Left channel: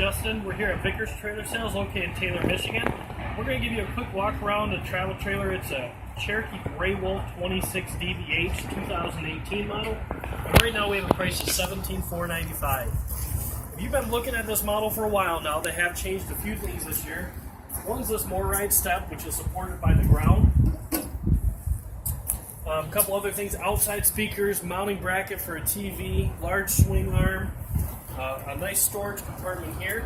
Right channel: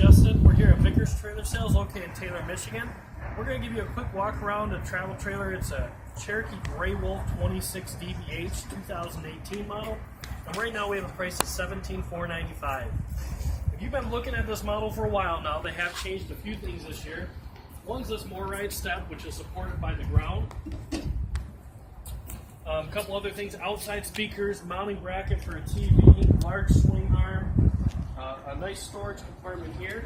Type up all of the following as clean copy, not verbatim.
Justin. We're here at Vickers Trailer Sales located in Taylor, Michigan. We're going to give you a quick walk around a travel trailer. It's a Cherokee Gray Wolf 26 DBH 2018 model. And right now we have a price of $17,495. If you've been looking at this model for a while now, they have changed a few things this year. One's this MORryde step, which is supported by the ground. A couple other things, outside speakers, mounting bracket for a TV, large swing arm, a nice storage compartment here.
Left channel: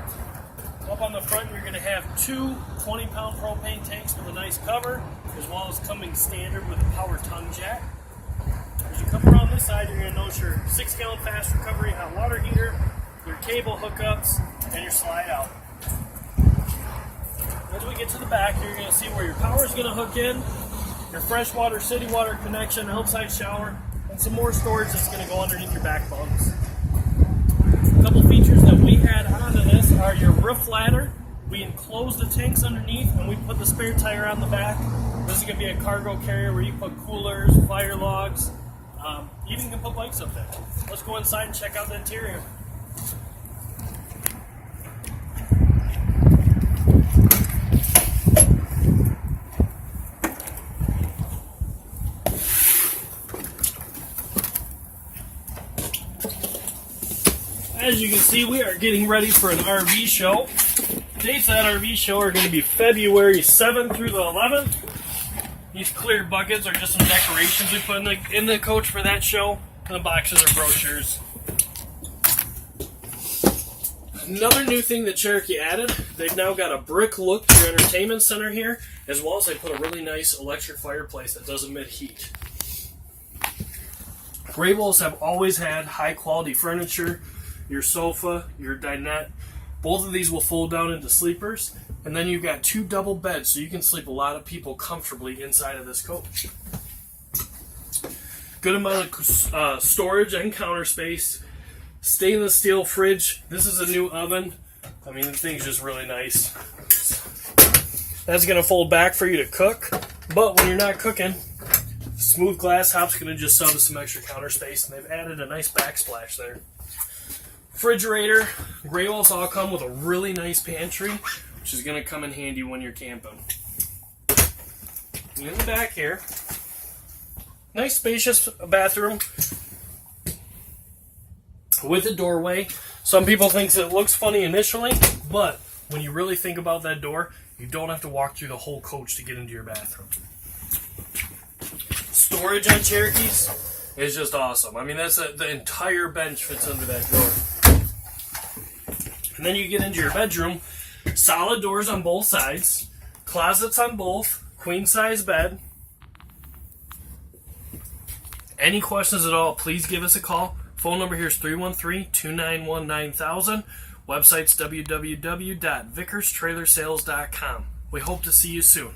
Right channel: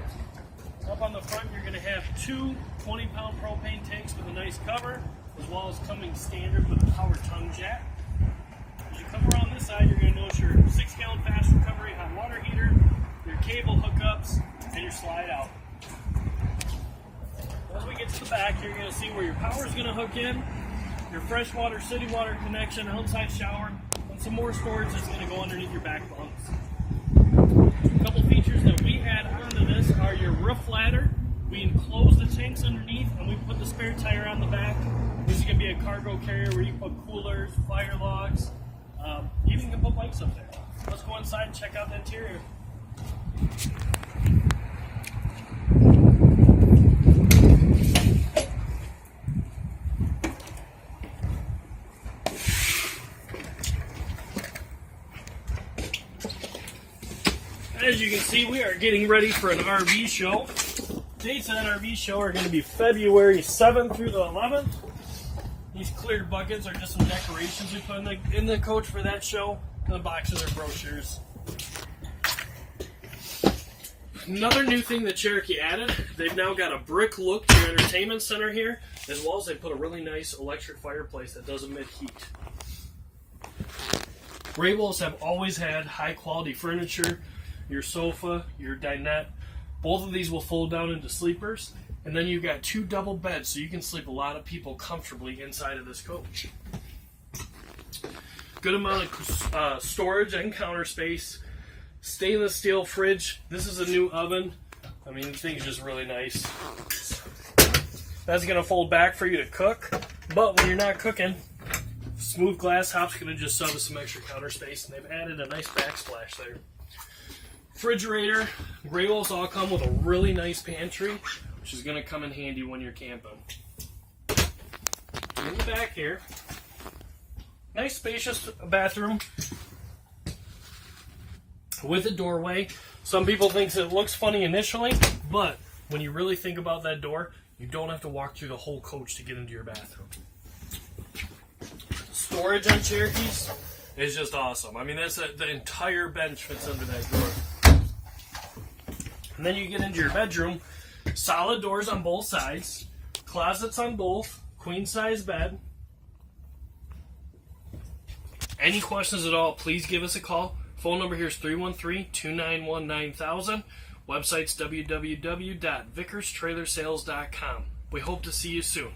Up on the front, you're going to have two 20-pound propane tanks with a nice cover, as well as coming standard with a power tongue jack. As you come around this side, you're going to notice your 6-gallon fast recovery hot water heater, your cable hookups, and your slide out. As we get to the back, you're going to see where your power is going to hook in, your freshwater city water connection, outside shower, and some more storage that's going to go underneath your back bunks. A couple features that we add onto this are your roof ladder. We enclose the tanks underneath, and we put the spare tire on the back. This is going to be a cargo carrier where you put coolers, fire logs, even can put bikes up there. Let's go inside and check out the interior. As you can see, we are getting ready for an RV show. Dates of that RV show are going to be February 7th through the 11th. These clear buckets are just some decorations we put in the coach for that show. And the boxes are brochures. Another new thing that Cherokee added, they've now got a brick look to their entertainment center here, as well as they put a really nice electric fireplace that doesn't emit heat. Gray Wolves have always had high quality furniture. Your sofa, your dinette, both of these will fold down into sleepers, and then you've got two double beds, so you can sleep a lot of people comfortably inside of this coach. Good amount of storage and counter space. Stainless steel fridge. This is a new oven. I mean, the thing's just really nice. That's going to fold back for you to cook, but when you're not cooking, smooth glass top's going to just sub some extra counter space, and they've added a nice backsplash there. Refrigerator. Gray Wolves all come with a really nice pantry, which is going to come in handy when you're camping. Getting back here. Nice spacious bathroom with a doorway. Some people think it looks funny initially, but when you really think about that door, you don't have to walk through the whole coach to get into your bathroom. Storage on Cherokees is just awesome. I mean, that's the entire bench fits under that door. And then you get into your bedroom, solid doors on both sides, closets on both, queen size bed. Any questions at all, please give us a call. Phone number here is 313-291-9000. Website's www.vickerstrailersales.com. We hope to see you soon.